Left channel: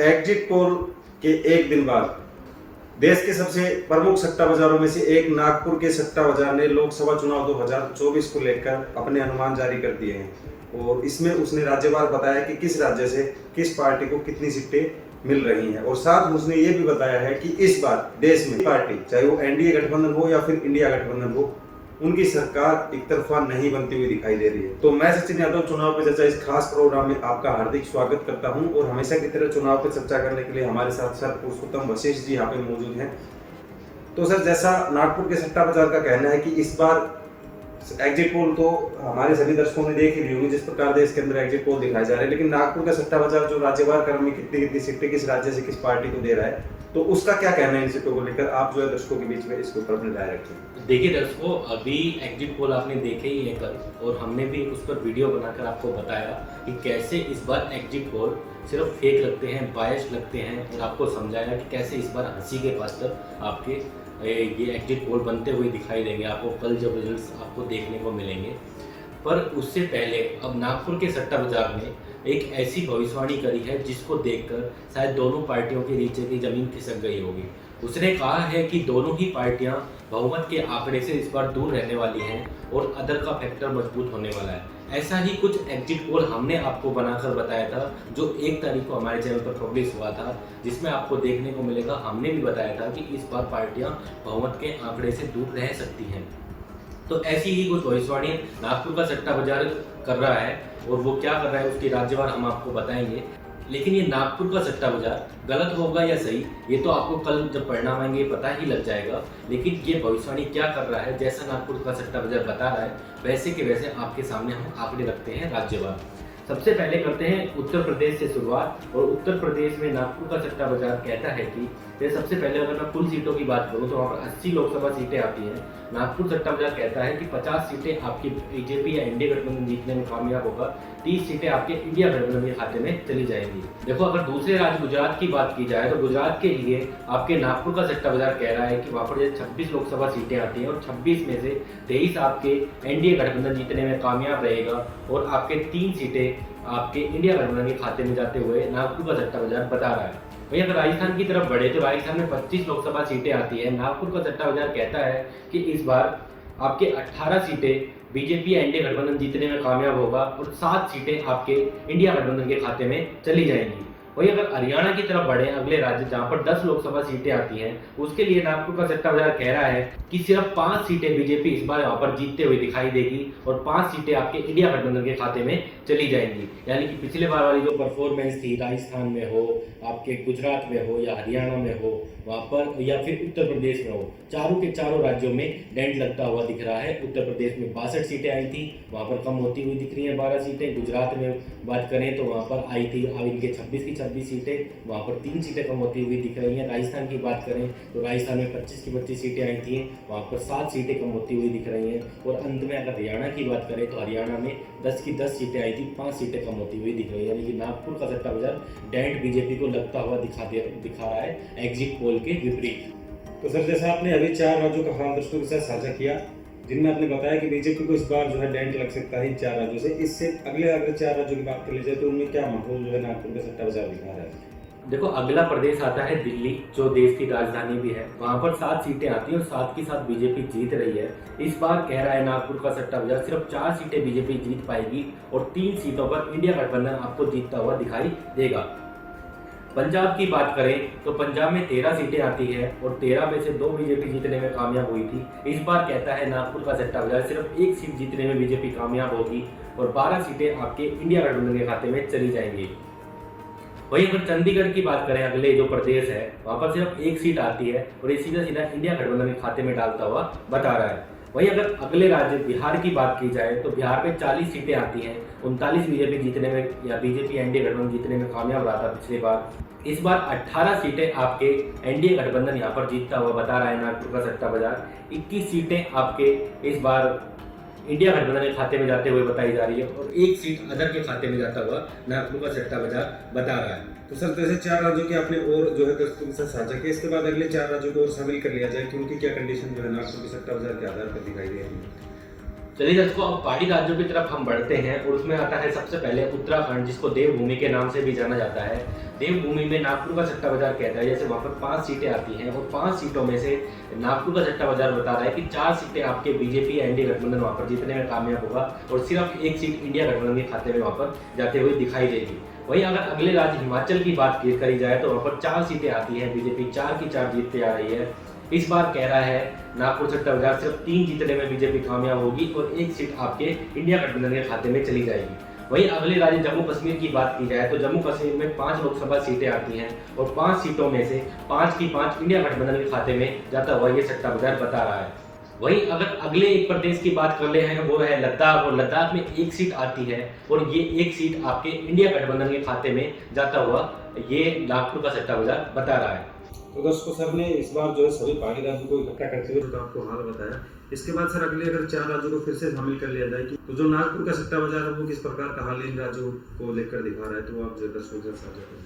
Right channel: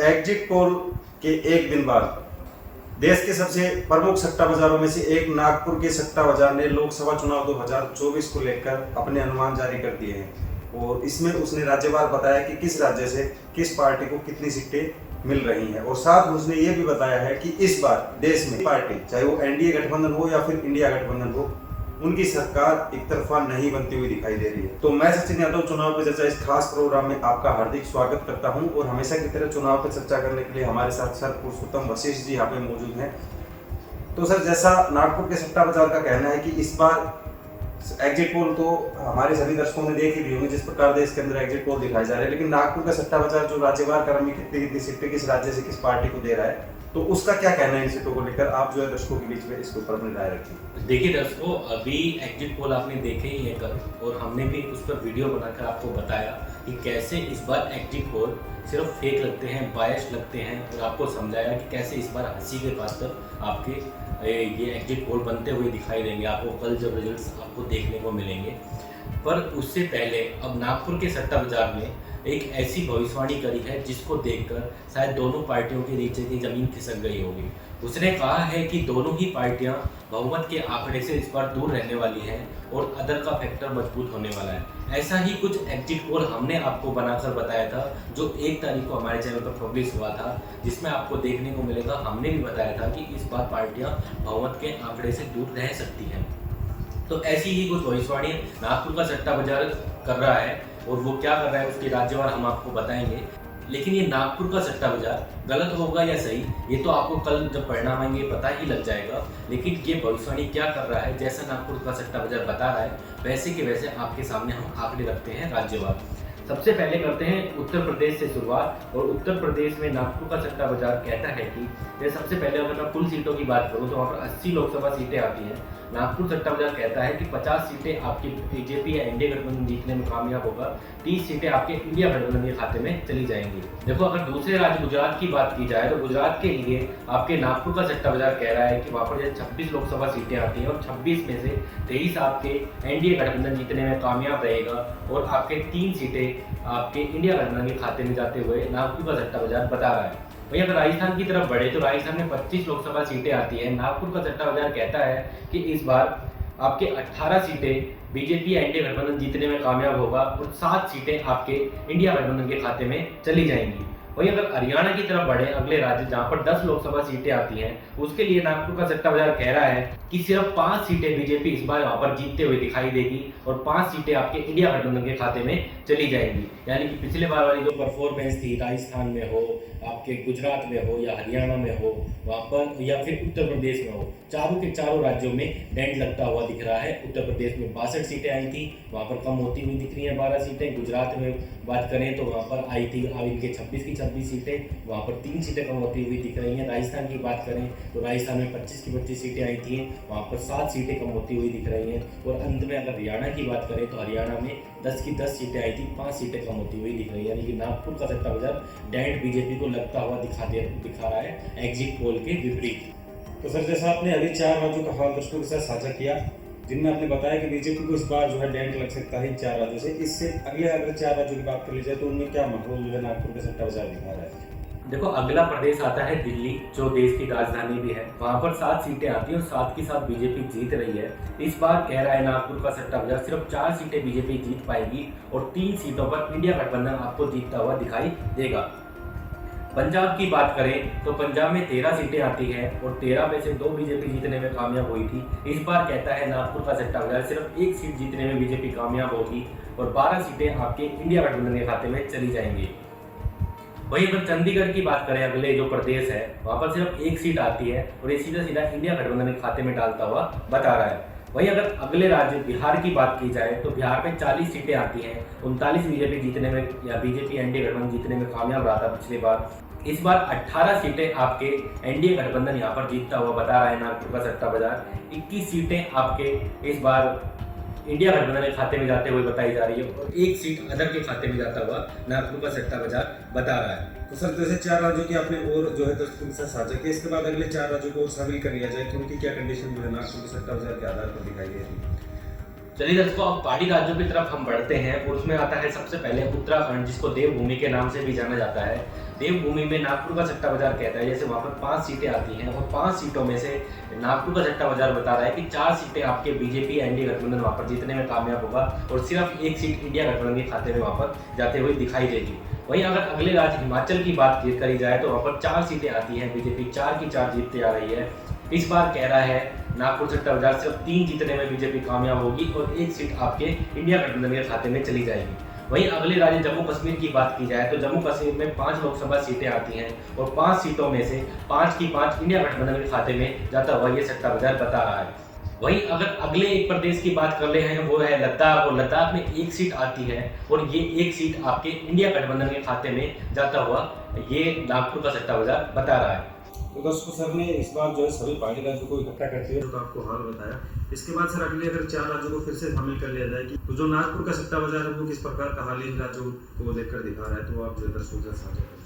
Exit poll के एक दिन बाद देश के सबसे प्रमुख सट्टा बाजारों में से एक नागपुर के सट्टा बाजार ने लोकसभा चुनाव 2024 को लेकर अपने अनुमान जारी कर दिए हैं और इसमें उसने राज्यवार बताया कि किस राज्य से किस पार्टी को कितनी सीटें मिल रही हैं और साथ में उसने ये भी बताया है कि इस बार देश में पार्टी चाहे वो एनडीए गठबंधन हो या फिर इंडिया गठबंधन हो, उनकी सरकार एक तरफा नहीं बनती हुई दिखाई दे रही है। तो मैं सचिन यादव चुनाव पे चर्चा इस खास प्रोग्राम में आपका हार्दिक स्वागत करता हूं और हमेशा की तरह चुनाव पे चर्चा करने के लिए हमारे साथ सर पुरुषोत्तम वशिष्ठ जी यहाँ पे मौजूद हैं। तो सर, जैसा नागपुर के सट्टा बाजार का कहना है कि इस बार एग्जिट पोल तो हमारे सभी दर्शकों ने देख ही ली होंगी जिस प्रकार देश के अंदर एग्जिट पोल दिखाए जा रहे हैं, लेकिन नागपुर का सट्टा बाजार जो राज्यवार क्रम में कितनी कितनी सीटें किस राज्य से किस पार्टी को दे रहा है, तो उसका क्या कहना है इन सीटों को लेकर, आप जो है दर्शकों के बीच में इसके ऊपर अपनी राय रखें। देखिए दर्शकों, अभी एग्जिट पोल आपने देखे ही है कल, और हमने भी उस पर वीडियो बनाकर आपको बताया कि कैसे इस बार एग्जिट पोल सिर्फ फेक लगते हैं, बायस लगते हैं, और आपको समझाया कि कैसे इस बार हंसी के पात्र आपके ये एग्जिट पोल बनते हुए दिखाई देंगे आपको कल जब रिजल्ट्स आपको देखने को मिलेंगे। पर उससे पहले अब नागपुर के सट्टा बाजार में एक ऐसी भविष्यवाणी करी है जिसको देखकर शायद दोनों पार्टियों के नीचे की जमीन खिसक गई होगी। उसने कहा है कि दोनों ही पार्टियां बहुमत के आंकड़े से इस बार दूर रहने वाली हैं और अदर का फैक्टर मजबूत होने वाला है। ऐसा ही कुछ एग्जिट पोल हमने आपको बनाकर बताया था जो 1 तारीख को हमारे चैनल पर पब्लिश हुआ था, जिसमें आपको देखने को मिलेगा हमने भी बताया था कि इस बार पार्टियां बहुमत के आंकड़े से दूर रह सकती हैं। तो ऐसी ही कुछ भविष्यवाणी नागपुर का सट्टा बाजार कर रहा है और वो क्या कर रहा है उसकी राज्यवार हम आपको बताएंगे। लेकिन ये नागपुर का सट्टा बाजार गलत होगा या सही, ये तो आपको कल जब परिणाम आएंगे पता ही लग जाएगा। लेकिन ये भविष्यवाणी क्या कर रहा है, जैसा नागपुर का सट्टा बाजार बता रहा है वैसे के वैसे आपके सामने हम आंकड़े रखते हैं राज्यवार। सबसे पहले करते हैं उत्तर प्रदेश से शुरुआत, और उत्तर प्रदेश में नागपुर का सट्टा बाजार कहता है कि सबसे पहले अगर मैं कुल सीटों की बात करूं तो वहाँ पर 80 लोकसभा सीटें आती हैं। नागपुर सट्टा बाजार कहता है कि 50 सीटें आपकी बीजेपी या इंडिया गठबंधन जीतने में कामयाब होगा, 30 सीटें आपके इंडिया गठबंधन के खाते में चली जाएंगी। देखो, अगर दूसरे राज्य गुजरात की बात की जाए तो गुजरात के लिए आपके नागपुर का सट्टा बाजार कह रहा है कि वहाँ पर जैसे 26 लोकसभा सीटें आती हैं और 26 में से 23 आपके एनडीए गठबंधन जीतने में कामयाब रहेगा और आपके 3 सीटें आपके इंडिया गठबंधन के खाते में जाते हुए नागपुर का सट्टा बाजार बता रहा है। वहीं अगर राजस्थान की तरफ बढ़े तो राजस्थान में 25 लोकसभा सीटें आती है। नागपुर का सट्टा बाजार कहता है कि इस बार आपके 18 सीटें बीजेपी या इंडिया गठबंधन जीतने में कामयाब होगा और 7 सीटें आपके इंडिया गठबंधन के खाते में चली जाएंगी। वहीं अगर हरियाणा की तरफ बढ़े, अगले राज्य जहां पर 10 लोकसभा सीटें आती हैं, उसके लिए नागपुर का सट्टा बाजार कह रहा है कि सिर्फ 5 सीटें बीजेपी इस बार वहां पर जीतते हुए दिखाई देगी और 5 सीटें आपके इंडिया गठबंधन के खाते में चली जाएंगी। यानी कि पिछले बार वाली जो परफॉर्मेंस थी, राजस्थान में हो, आपके गुजरात में हो या हरियाणा में हो, वहां पर या फिर उत्तर प्रदेश में हो, चारों के चारों राज्यों में डेंट लगता हुआ दिख रहा है। उत्तर प्रदेश में 62 सीटें आई थी, वहां पर कम होती हुई दिख रही है 12 सीटें। गुजरात में बात करें तो वहां पर आई थी अब इनके 26 की 26 सीटें, वहां पर 3 सीटें कम होती हुई दिख रही हैं। राजस्थान की बात करें तो राजस्थान में 25 की 25 सीटें आई थी, वहां पर 7 सीटें कम होती हुई दिख रही हैं। और अंत में अगर हरियाणा की बात करें तो हरियाणा में 10 की 10 सीटें आई थी, 5 सीटें कम होती हुई दिख रही है। यानी कि नागपुर का सट्टा बाजार डेंट बीजेपी को लगता हुआ दिखा रहा है एग्जिट पोल के विपरीत। तो सर, जैसा आपने अभी 4 राज्यों का हम दर्शकों के साथ साझा किया जिनमें आपने बताया कि बीजेपी को इस बार जो है डेंट लग सकता है इन 4 राज्यों से, इससे अगर 4 राज्यों की बात कर ली जाए तो उनमें क्या माहौल जो है नागपुर का सट्टा बाजार दिखा रहा है। देखो, अगला प्रदेश आता है दिल्ली, जो देश की राजधानी भी है। वहां पर 7 सीटें आती हैं और 7 की 7 बीजेपी जीत रही है। इस बार कह रहा है नागपुर का सट्टा बाजार सिर्फ 4 सीटें बीजेपी जीत पाएगी और 3 सीटों पर इंडिया गठबंधन आपको जीतता हुआ दिखाई देगा। पंजाब की बात करें तो पंजाब में 13 सीटें आती है और 13 में से 2 बीजेपी जीतने में कामयाब हुई थी। इस बार कहता है नागपुर का सट्टा बाजार सिर्फ 1 सीट जीतने में बीजेपी कामयाब होगी और 12 सीटें आपके इंडिया गठबंधन के खाते में चली जाएंगी। वहीं अगर चंडीगढ़ की बात करें, अगले जो प्रदेश है, वहां पर सिर्फ 1 सीट आती है और ये सीधा सीधा इंडिया गठबंधन के खाते में डालता हुआ बता रहा है। वहीं अगर अगले राज्य बिहार की बात की जाए तो बिहार में 40 सीटें आती हैं, 39 बीजेपी जीतने में या बीजेपी एनडीए गठबंधन जीतने में कामयाब रहा था पिछली बार। इस बार 18 सीटें आपके एनडीए गठबंधन यहाँ पर जीतता हुआ बता रहा है नागपुर का सट्टा बाजार। 21 सीटें आपके इस बार इंडिया गठबंधन के खाते में जाते हुए बताई जा रही है और 1 सीट अदर के खाते में जाता हुआ नागपुर का सट्टा बाजार बता रहा है। तो सर, जैसे 4 राज्यों की आपने और जो है दर्शकों के साथ साझा किया, इसके बाद अगले 4 राज्यों को और शामिल कर लिया जाए कि उनकी क्या कंडीशन जो है नागपुर के सट्टा बाजार के आधार पर दिखाई दे रही है। चलिए दर्शकों, अब पहाड़ी राज्यों की तरफ हम बढ़ते हैं और उसमें आता है सबसे पहले उत्तराखंड, जिसको देवभूमि के नाम से भी जाना जाता है। देवभूमि में नागपुर का सट्टा बाजार कहता है जैसे वहाँ पर 5 सीटें आती हैं और 5 सीटों में से नागपुर का सट्टा बाजार बता रहा है कि 4 सीटें आपके बीजेपी एनडीए गठबंधन वहाँ पर जीतने में कामयाब होगा और सिर्फ 1 सीट इंडिया गठबंधन के खाते में वहाँ पर जाते हुए दिखाई देगी। वहीं अगर अगले राज्य हिमाचल की बात करी जाए तो वहाँ पर 4 सीटें आती हैं, बीजेपी 4 की 4 जीतते आ रही है। इस बार कह रहा है नागपुर सट्टा बाजार सिर्फ 3 जीतने में बीजेपी कामयाब होगी और 1 सीट आपके इंडिया गठबंधन के खाते में चली जाएगी। वहीं अगले राज्य जम्मू कश्मीर की बात की जाए तो जम्मू कश्मीर में 5 लोकसभा सीटें आती हैं और 5 सीटों में से 5 की 5 इंडिया गठबंधन के खाते में जाता हुआ ये सट्टा बाजार बता रहा है। वहीं अगर अगले एक प्रदेश की बात कर ले हैं वो है लद्दाख, और लद्दाख में 1 सीट आती है और ये 1 सीट आपके इंडिया गठबंधन के खाते में जाता हुआ ये नागपुर का सट्टा बाजार बता रहा है। तो दोस्तों सर ने इस बार जो है सभी पार्टी राज्यों को इकट्ठा करते हुए जो आपको हाल बताया। इसके बाद सर अगले अगर 4 राज्यों को फिर से शामिल कर लिया जाए तो जो नागपुर का सट्टा बाजार है वो किस प्रकार का हाल इन राज्यों को लेकर दिखा रहा है, तो आप जो दर्शकों के साथ साझा करें।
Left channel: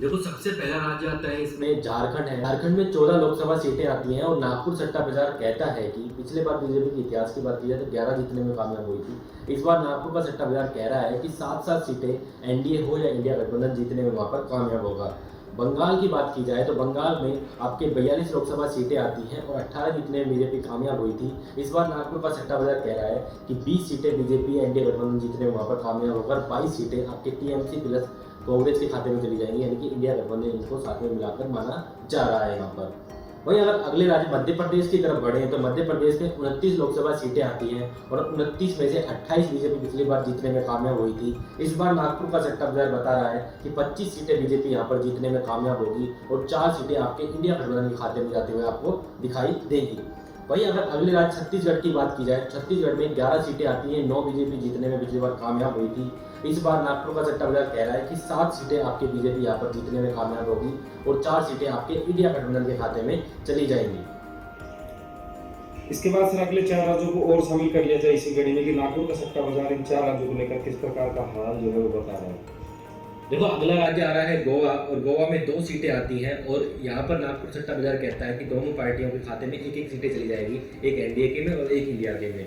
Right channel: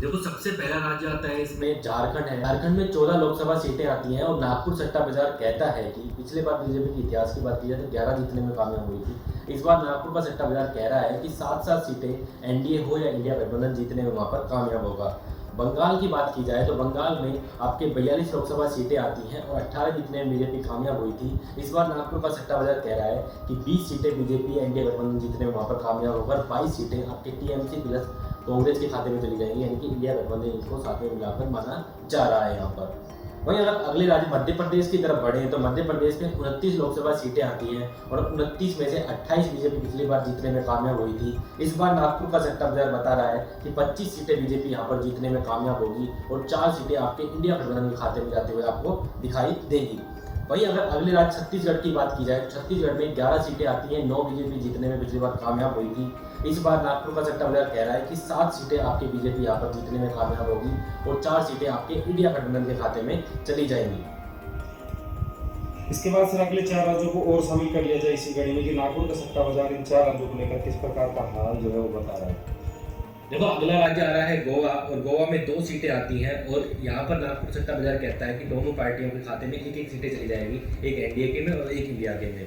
देखो सबसे पहला राज्य आता है इसमें झारखंड है। झारखंड में 14 लोकसभा सीटें आती हैं और नागपुर सट्टा बाजार कहता है कि पिछले बार बीजेपी के इतिहास की बात की जाए तो 11 जीतने में कामयाब हुई थी। इस बार नागपुर का सट्टा बाजार कह रहा है कि 7 सीटें एनडीए हो या इंडिया गठबंधन जीतने में वहाँ पर कामयाब होगा। बंगाल की बात की जाए तो बंगाल में आपके 42 लोकसभा सीटें आती हैं और 18 जीतने में बीजेपी कामयाब हुई थी। इस बार नागपुर का सट्टा बाजार कह रहा है कि 20 सीटें बीजेपी एनडीए गठबंधन जीतने में वहाँ पर कामयाब होकर 22 सीटें आपके टीएमसी प्लस कांग्रेस के खाते में चली जाएंगी, यानी कि इंडिया गठबंधन इनको साथ में मिलाकर माना जा रहा है यहाँ पर। वहीं अगर अगले राज्य मध्य प्रदेश की तरफ बढ़े तो मध्य प्रदेश में 29 लोकसभा सीटें आती हैं और 29 में से 28 बीजेपी पिछली बार जीतने में कामयाब हुई थी। इस बार नागपुर का सट्टा बाजार बता रहा है कि 25 सीटें बीजेपी यहाँ पर जीतने में कामयाब होगी और 4 सीटें आपके इंडिया गठबंधन के खाते में जाते हुए आपको दिखाई देगी। वहीं अगर अगले राज्य छत्तीसगढ़ की बात की जाए, छत्तीसगढ़ में 11 सीटें आती हैं, 9 बीजेपी जीतने में पिछली बार कामयाब हुई थी। इस बार नागपुर का सट्टा बाजार कह रहा है कि 7 सीटें आपके बीजेपी यहाँ पर जीतने में कामयाब होगी और 4 सीटें आपके इंडिया गठबंधन के खाते में चली जाएंगी। इसके बाद सर अगले 4 राज्यों को और शामिल कर लिया जाए इसी कड़ी में कि नागपुर का सट्टा बाजार इन 4 राज्यों को लेकर किस प्रकार का हाल जो है वो बता रहा है। देखो अगला राज्य आ रहा है गोवा, और गोवा में 2 सीटें आती हैं और यहाँ पर नागपुर सट्टा बाजार कहता है कि दोनों पार्टियों के खाते में 1-1 सीटें चली जाएगी, एक एनडीए के में और एक इंडिया के में।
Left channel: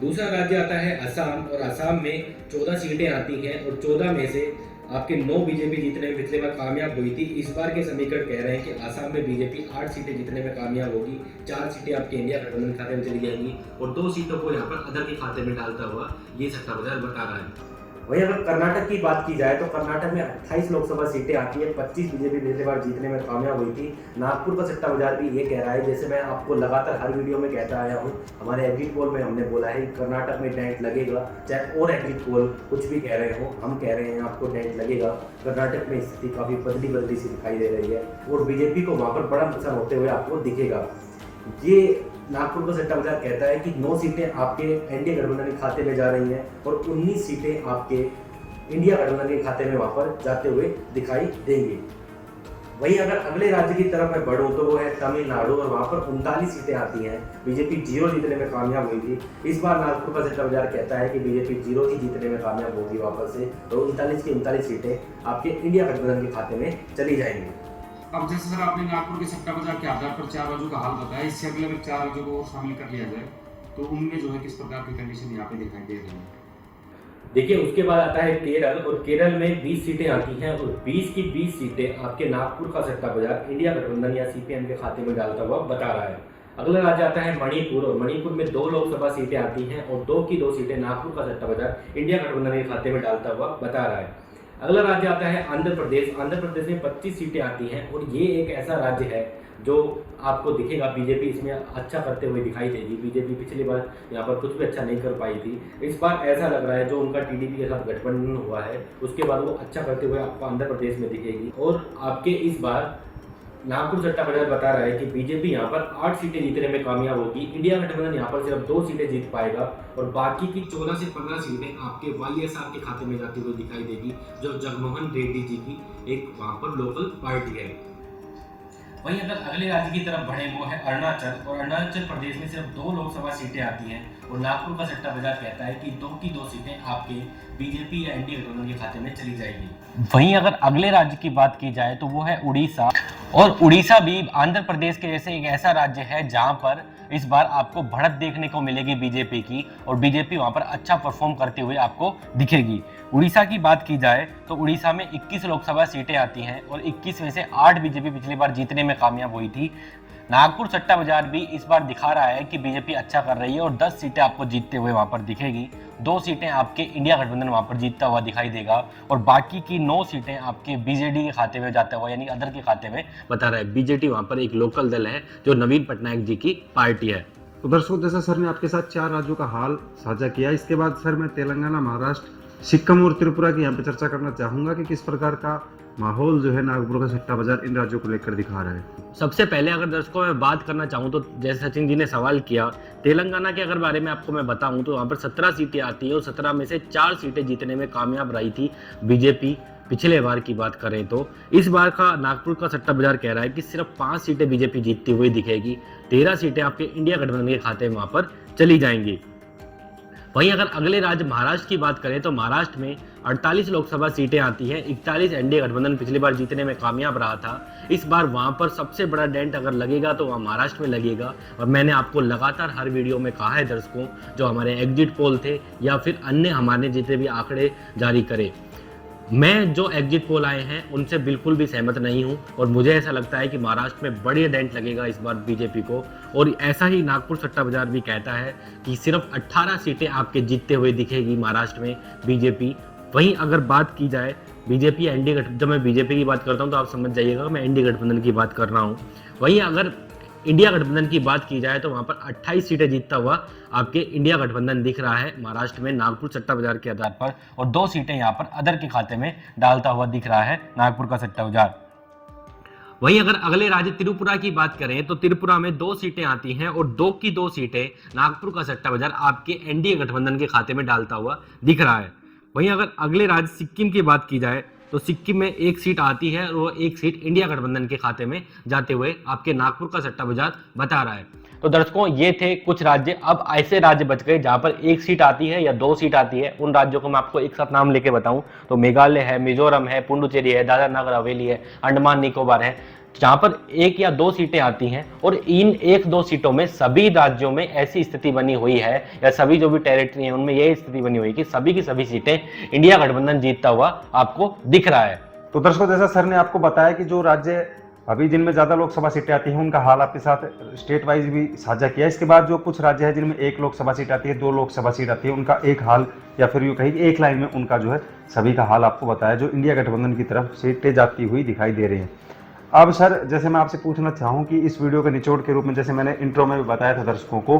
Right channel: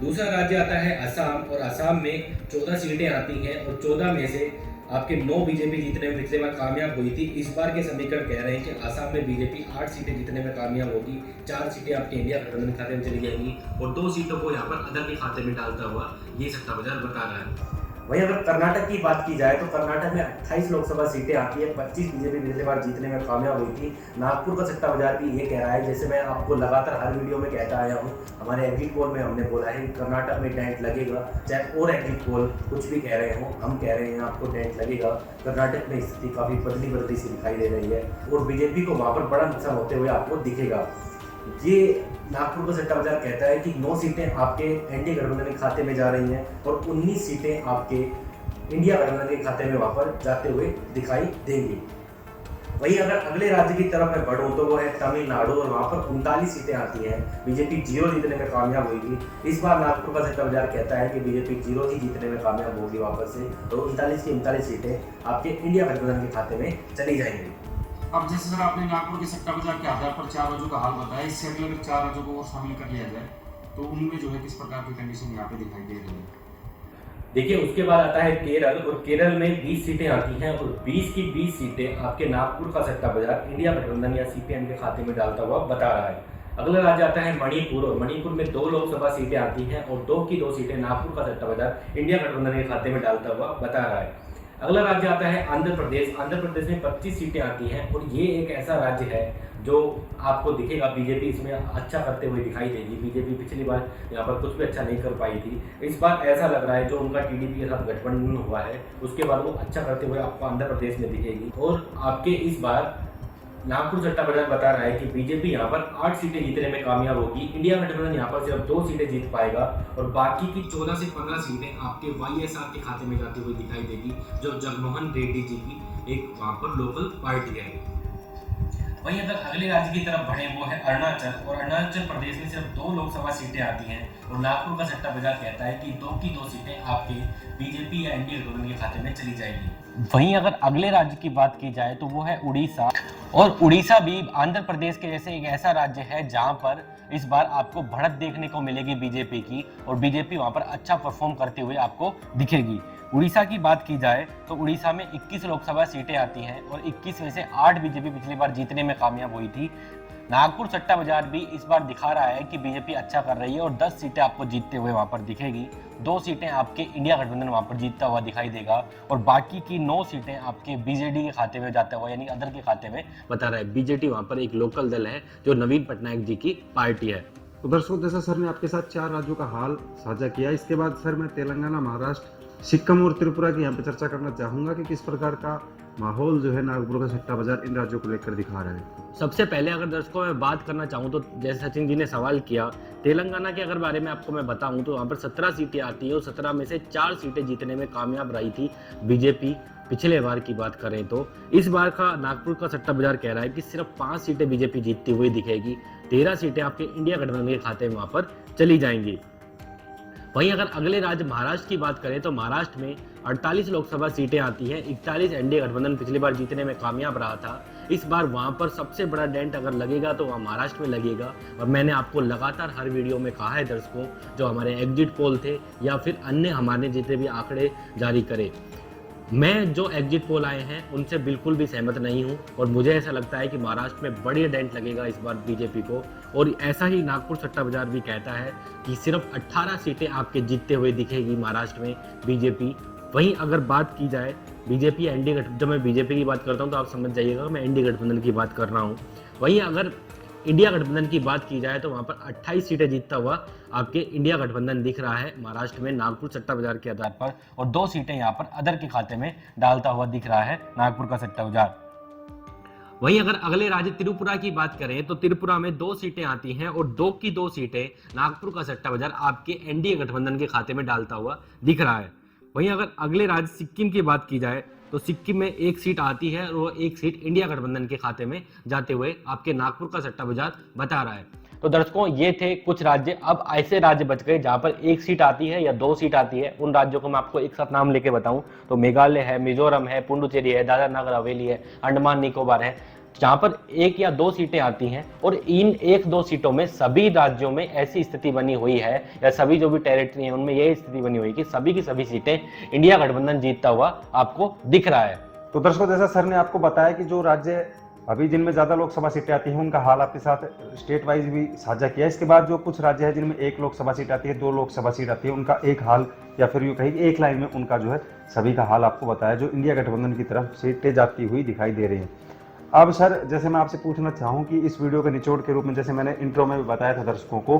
दूसरा राज्य आता है असम, और असम में 14 सीटें आती हैं और 14 में से आपके 9 बीजेपी जीतने में पिछले बार कामयाब हुई थी। इस बार के समीकरण कह रहे हैं कि असम में बीजेपी 8 सीटें जीतने में कामयाब होगी, 4 सीटें आपके इंडिया गठबंधन के खाते में चली जाएंगी और 2 सीटों को यहाँ पर अदर के खाते में डालता हुआ ये सट्टा बाजार बता रहा है। वहीं अगर कर्नाटक की बात की जाए तो कर्नाटक में 28 लोकसभा सीटें आती है, 25 बीजेपी पिछले बार जीतने में कामयाब हुई थी। नागपुर का सट्टा बाजार भी ये कह रहा है, जैसे मैं आपको लगातार हर वीडियो में कहता आया हूँ, हमारे एग्जिट पोल में हमने बोला है कि कर्नाटक में डेंट लगेगा, चाहे और एग्जिट पोल कुछ भी कह रहे हो, हम कह रहे हैं आपको डेंट लगेगा। कर्नाटक में स्थिति काफ़ी बदली सी दिखाई दे रही है और बीजेपी को वहाँ पर बड़ा नुकसान होते हुए आपको दिखेगा। ये नागपुर का सट्टा बाजार कहता है कि 9 सीटें आपके एनडीए गठबंधन के खाते में जा रही हैं और 19 सीटें आपके इंडिया गठबंधन के खाते में वहाँ पर जाते हुए दिखाई देंगी। वहीं अगर अगले राज्य की तरफ मैं बढ़ूँ तो वो है तमिलनाडु, और वहाँ पर 39 सीटें आती हैं, बीजेपी 0 जीतने में कामयाब हुई थी। इस बार नागपुर का सट्टा बाजार कहता है कि बीजेपी 0 ही जीतने में कामयाब होगी वापस से और 39 की 39 सीटें आपके इंडिया गठबंधन के खाते में चली जाएंगी। अब जैसे सर आपने नागपुर के सट्टा बाजार के आधार पर 4 राज्यों का हाल बताया, इससे अगले अगर 4 राज्यों को और शामिल कर लिया जाए तो उनमें जो है किस प्रकार की कंडीशन यहाँ पे दिखाई दे रही है। देखिए उसके बाद आता है केरल, और केरल में 20 सीटें आती हैं और 20 की 20 सीटें आपके नागपुर का सट्टा बाजार इंडिया गठबंधन या सीपीएम के खाते में डालता हुआ बता रहा है। अगला राज्य आता है मणिपुर, और मणिपुर में 2 लोकसभा सीटें आती हैं और 2 की 2 सीटें नागपुर का सट्टा बाजार इंडिया गठबंधन के खाते में डालता हुआ बता रहा है। अगला राज्य आता है आंध्र प्रदेश। आंध्र प्रदेश में 25 सीटें आती हैं और ये एक ऐसा राज्य है जो आपको दिखेगा बीजेपी इसमें अच्छा करते हुए दिखाई देगी। बीजेपी पिछली बार यहाँ पर कुछ भी अच्छा नहीं कर पाई थी, इस बार ऐसा लग रहा है जो उनका टीडीपी के साथ गठबंधन हुआ है उसके बाद वो अच्छा करते हुए आपको आंध्र प्रदेश में दिखेगी। और आपके इस बार नागपुर सट्टा बाजार बता रहा है कि बीजेपी यहाँ पर 8 सीटें जीतने में कामयाब होगी, इंडिया गठबंधन यहाँ पर सिर्फ 2 सीटें जीत पाएगा और बाकी की 14 से 15 सीटें आपके वाईएसआर के खाते में जाती हुई दिखाई देगी, जो जगनमोहन रेड्डी जी की एक वहाँ पर लोकल पार्टी है। वहीं अगर अगले राज्य की तरफ बढ़े वो है अरुणाचल, और अरुणाचल प्रदेश में सिर्फ 2 लोकसभा सीटें आती हैं और नागपुर का सट्टा बाजार कहता है कि 2 की 2 सीटें आपके बीजेपी या एनडीए गठबंधन के खाते में चली जाएगी। वहीं अगर अगले राज्य की बात की जाए तो वो है उड़ीसा, और उड़ीसा भी आंध्र प्रदेश के जैसे एक ऐसा राज्य है जहां पर इस बार आपको बढ़त देखने को मिलेगी बीजेपी की और बीजेपी वहां पर अच्छा परफॉर्म करते हुए आपको दिखेगी। उड़ीसा की बात की जाए तो उड़ीसा में 21 लोकसभा सीटें आती हैं और 21 में से 8 बीजेपी पिछली बार जीतने में कामयाब हुई थी। नागपुर सट्टा बाजार भी इस बार दिखा रहा है कि बीजेपी अच्छा कर रही है और 10 सीटें आपको जीतते हुए वहां पर दिखेगी। 2 सीटें आपके इंडिया गठबंधन वहां पर जीतता हुआ दिखाई देगा और बाकी की 9 सीटें आपके बीजेडी के खाते में जाता हुआ यानी अदर के खाते में बता रहा है। बीजेडी वहां पर एक लोकल दल है जो नवीन पटनायक जी की पार्टी है। तो दर्शकों, जैसा सर ने आपके साथ 4 राज्यों का हाल साझा किया, इसके बाद सर मैं तेलंगाना, महाराष्ट्र, सिक्किम और त्रिपुरा की यहाँ पे चर्चा करना चाहूंगा कि किस प्रकार का माहौल जो है नागपुर का सट्टा बाजार इन राज्यों को लेकर दिखा रहा है। सबसे पहले अगर दर्शकों मैं बात करना चाहूँ तो जैसे सचिन जी ने सवाल किया, तेलंगाना के अगर बारे में आपको मैं बताऊं तो वहाँ पर 17 सीटें आती है और 17 में से 4 सीटें जीतने में कामयाब रही थी बीजेपी। पिछले बार की बात करें तो इस बार का नागपुर का सट्टा बाजार कह रहा है कि सिर्फ 5 सीटें बीजेपी जीतती हुई दिखेगी, 13 सीटें आपके इंडिया गठबंधन के खाते में वहां पर चली जाएंगी। वहीं अगर अगले राज्य महाराष्ट्र की बात करें तो महाराष्ट्र में 48 लोकसभा सीटें आती हैं, 41 एनडीए गठबंधन पिछली बार जीतने में कामयाब रहा था। इस बार वहां पर सबसे बड़ा डेंट अगर लगेगा तो वहां महाराष्ट्र में लगेगा और मैंने आपको लगातार हर वीडियो में कहा है दर्शकों, जो हमारे एग्जिट पोल थे या फिर अन्य हमारे जितने भी आंकड़े जारी करे, मैं जो एग्जिट पोल आए हैं उनसे बिल्कुल भी सहमत नहीं हूं और मुझे ऐसा लगता है कि महाराष्ट्र में बड़ी डेंट लगेगा इस बार बीजेपी को। और ऐसा ही नागपुर सट्टा बाजार भी कहता है कि सिर्फ 18 सीटें आपके जीतते हुए दिखेगी महाराष्ट्र में बीजेपी। वहीं अगर बात की जाए बीजेपी एनडीए गठबंधन, जब मैं बीजेपी की बात करता हूं तो आप समझ जाइएगा मैं एनडीए गठबंधन की बात कर रहा हूं। वहीं अगर इंडिया गठबंधन की बात की जाए तो वहां पर 28 सीटें जीतता हुआ आपके इंडिया गठबंधन दिख रहा है महाराष्ट्र में नागपुर सट्टा बाजार के आधार पर, और 2 सीटें यहां पर अदर के खाते में डालता हुआ दिख रहा है नागपुर का सट्टा बाजार। वहीं अगर अगले राज्य त्रिपुरा की बात करें तो त्रिपुरा में 2 सीटें आती हैं और 2 की 2 सीटें नागपुर का सट्टा बाजार आपके एनडीए गठबंधन के खाते में डालता हुआ दिख रहा है। वहीं अगर अगले राज्य सिक्किम की बात की जाए तो सिक्किम में 1 सीट आती है और वो 1 सीट इंडिया गठबंधन के खाते में जाते हुए आपके नागपुर का सट्टा बाजार बता रहा है। तो दर्शकों ये थे कुछ राज्य। अब ऐसे राज्य बच गए जहां पर 1 सीट आती है या 2 सीट आती है। उन राज्यों को मैं आपको एक साथ नाम लेके बताऊं तो मेघालय है, मिजोरम है, पुडुचेरी है, दादरा नगर हवेली है, अंडमान निकोबार है, जहां पर 1 या 2 सीटें आती हैं और इन 1-2 सीटों में सभी राज्यों में ऐसी स्थिति बनी हुई है या सभी जो भी टेरिटरी है उनमें यही स्थिति बनी हुई है कि सभी की सभी सीटें इंडिया गठबंधन जीतता हुआ आपको दिख रहा है। तो दर्शकों, जैसा सर ने आपको बताया कि जो राज्य अभी जिनमें ज्यादा लोकसभा सीटें आती हैं उनका हाल आपके साथ स्टेट वाइज भी साझा किया। इसके बाद जो कुछ राज्य है जिनमें 1 लोकसभा सीट आती है, 2 लोकसभा सीट आती है, उनका एक हाल या फिर यूं कहीं कि एक लाइन में उनका जो है सभी का हाल आपको बताया, जो इंडिया गठबंधन की तरफ सीटें जाती हुई दिखाई दे रही है। अब सर, जैसे मैं आपसे पूछना चाहूँ कि इस वीडियो के निचोड़ के रूप में, जैसे मैंने इंट्रो में भी बताया था दर्शकों को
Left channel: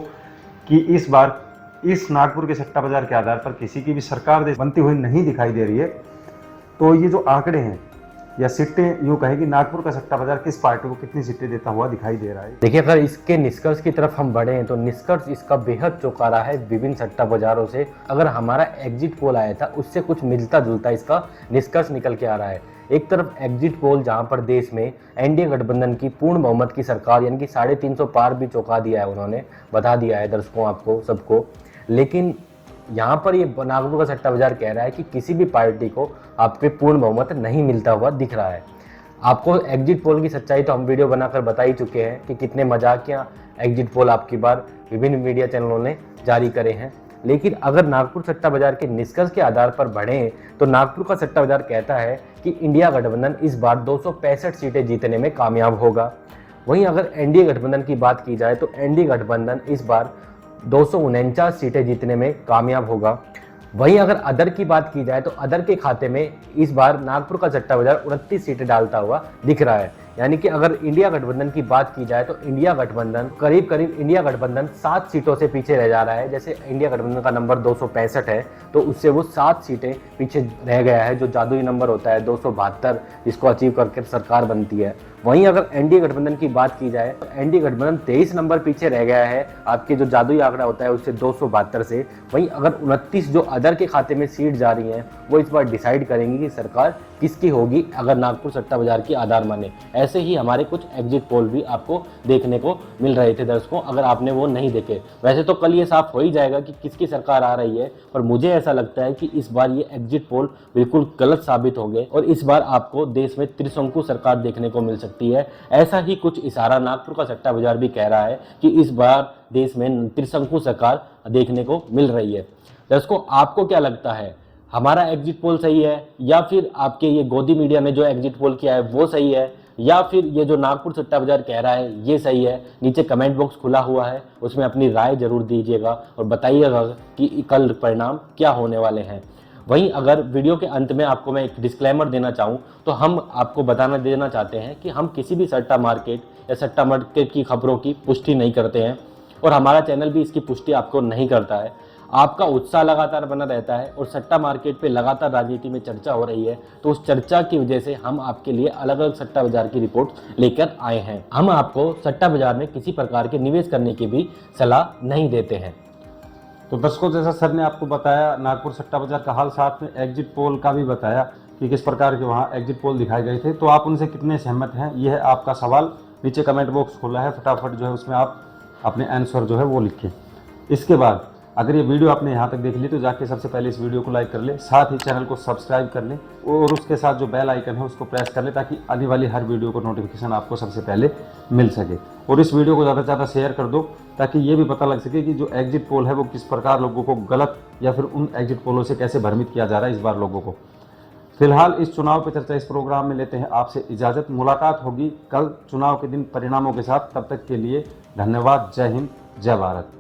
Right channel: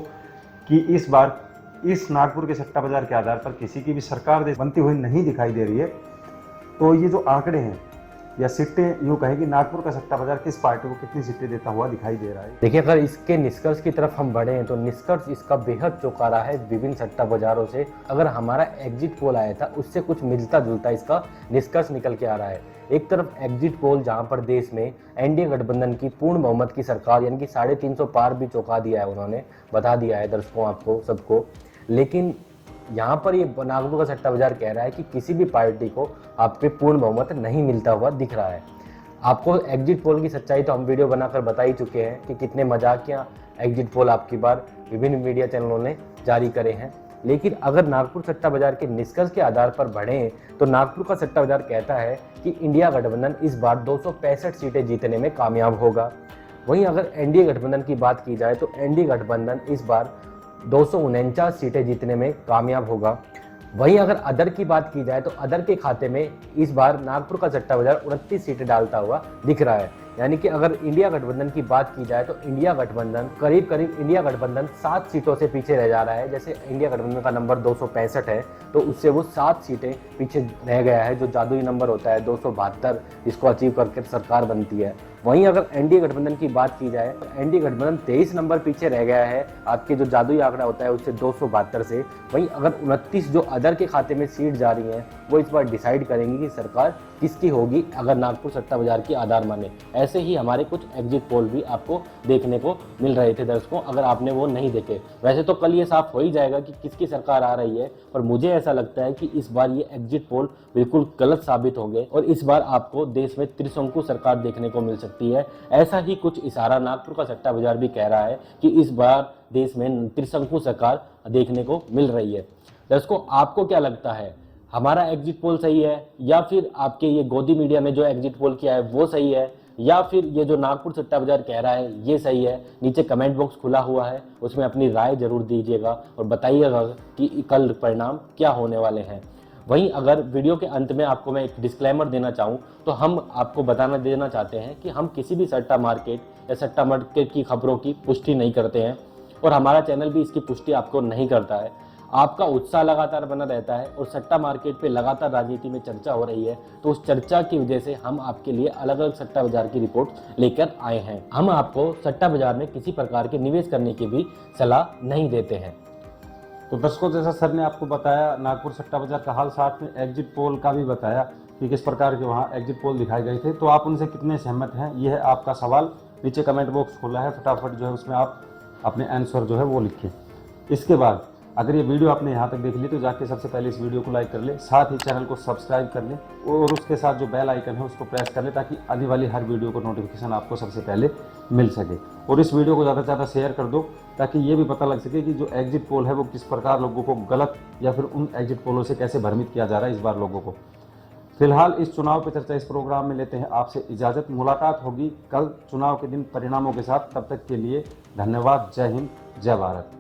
कि इस बार इस नागपुर के सट्टा बाजार के आधार पर किसी की भी सरकार बनती हुई नहीं दिखाई दे रही है, तो ये जो आंकड़े हैं या सीटें, यूँ कहें कि नागपुर का सट्टा बाजार किस पार्टी को कितनी सीटें देता हुआ दिखाई दे रहा है। देखिए, अगर इसके निष्कर्ष की तरफ हम बढ़े तो निष्कर्ष इसका बेहद चौंका है विभिन्न सट्टा बाजारों से। अगर हमारा एग्जिट पोल आया था उससे कुछ मिलता जुलता इसका निष्कर्ष निकल के आ रहा है। एक तरफ एग्जिट पोल जहां पर देश में एनडीए गठबंधन की पूर्ण बहुमत की सरकार यानी कि 350 पार भी चौंका दिया है, उन्होंने बता दिया है दर्शकों आपको सबको। लेकिन यहाँ पर ये नागपुर का सट्टा बाजार कह रहा है कि किसी भी पार्टी को आपके पूर्ण बहुमत नहीं मिलता हुआ दिख रहा है। आपको एग्जिट पोल की सच्चाई तो हम वीडियो बनाकर बता ही चुके हैं कि कितने मजाकिया एग्जिट पोल आपकी बार विभिन्न मीडिया चैनलों ने जारी करे हैं। लेकिन अगर नागपुर सट्टा बाजार के निष्कर्ष के आधार पर बढ़ें तो नागपुर का सट्टा बाजार कहता है कि इंडिया गठबंधन इस बार 265 सीटें जीतने में कामयाब होगा। वहीं अगर एनडीए गठबंधन की बात की जाए तो एनडीए गठबंधन इस बार 249 सीटें जीतने में कामयाब होगा। वहीं अगर अदर की बात की जाए तो अदर के खाते में इस बार नागपुर का सट्टा बाजार 29 सीटें डालता हुआ दिख रहा है। यानी कि अगर इंडिया गठबंधन की बात की जाए तो इंडिया गठबंधन करीब इंडिया गठबंधन 7 सीटों से पीछे रह जा रहा है। जैसे इंडिया गठबंधन का नंबर 265 है तो उससे वो 7 सीटें पीछे रह गया है, जो जादुई नंबर होता है 272, इसको अचीव करके सरकार बनती है। वहीं अगर एनडीए गठबंधन की बात की जाए तो एनडीए गठबंधन 23 नंबर पीछे रह गया है आपके जो जादुई आंकड़ा होता है उससे 272 से। वहीं अगर 29 जो अदर के खाते में सीट जा रही हैं वो इस बार डिसाइड करेंगी कि सरकार किसकी होगी अगर नागपुर सट्टा बाजार की आधार माने। ऐसे ही हमारे कुछ एग्जिट पोल भी आपको देखने को मिल रहे थे दर्शकों, अगर आपने वो नहीं देखे। वैसे तो कल ये साफ हो ही जाएगा कि किसकी सरकार आ रही है, पर मुझे ऐसा लगता है कि इस बार ये एग्जिट पोल बिल्कुल गलत साबित हो गए और इस बार आपको देश में त्रिशंकु सरकार देखने को मिल सकती है। ऐसा ही कुछ इशारा नागपुर का सट्टा बाजार भी कह रहा है कि इस बार देश में त्रिशंकु सरकार देखने को मिल रही है। दर्शकों, आपको क्या लगता है, हमारा एग्जिट पोल सही है या फिर आपके ये गोदी मीडिया ने जो एग्जिट पोल किया है वो सही है, या फिर ये जो नागपुर सट्टा बाजार कह रहा है ये सही है? नीचे कमेंट बॉक्स खुला हुआ है, उसमें अपनी राय जरूर दीजिएगा और बताइएगा कि कल परिणाम क्या होने वाले हैं। वहीं अगर वीडियो के अंत में आपको मैं एक डिस्क्लेमर देना चाहूँ तो हम आपको बताना देना चाहते हैं कि हम किसी भी सट्टा मार्केट या सट्टा मार्केट की खबरों की पुष्टि नहीं करते हैं और हमारा चैनल भी इसकी पुष्टि आपको नहीं करता है। आपका उत्साह लगातार बना रहता है और सट्टा मार्केट पे लगातार राजनीति में चर्चा हो रही है, तो उस चर्चा की वजह से हम आपके लिए अलग अलग सट्टा बाजार की रिपोर्ट लेकर आए हैं। हम आपको सट्टा बाजार में किसी प्रकार के निवेश करने की भी सलाह नहीं देते हैं। तो दर्शकों, जैसा सर ने आपको बताया नागपुर सट्टा बाजार का हाल, साथ में एग्जिट पोल का भी बताया कि किस प्रकार के वहाँ एग्जिट पोल दिखाए गए थे, तो आप उनसे कितने सहमत हैं, यह है आपका सवाल। नीचे कमेंट बॉक्स खोला है, फटाफट जो है उसमें आप अपने आंसर जो है वो लिखें। इसके बाद अगर ये वीडियो आपने यहाँ तक देख ली तो जाके सबसे पहले इस वीडियो को लाइक कर ले, साथ ही चैनल को सब्सक्राइब कर लें और उसके साथ जो बेल आइकन है उसको प्रेस कर लें ताकि आने वाली हर वीडियो को नोटिफिकेशन आपको सबसे पहले मिल सके। और इस वीडियो को ज़्यादा से ज़्यादा शेयर कर दो ताकि ये भी पता लग सके कि जो एग्जिट पोल है वो किस प्रकार लोगों को गलत या फिर उन एग्जिट पोलों से कैसे भ्रमित किया जा रहा है इस बार लोगों को। फिलहाल इस चुनाव पर चर्चा इस प्रोग्राम में लेते हैं आपसे इजाज़त। मुलाकात होगी कल चुनाव के दिन परिणामों के साथ, तब तक के लिए धन्यवाद। जय हिंद, जय भारत।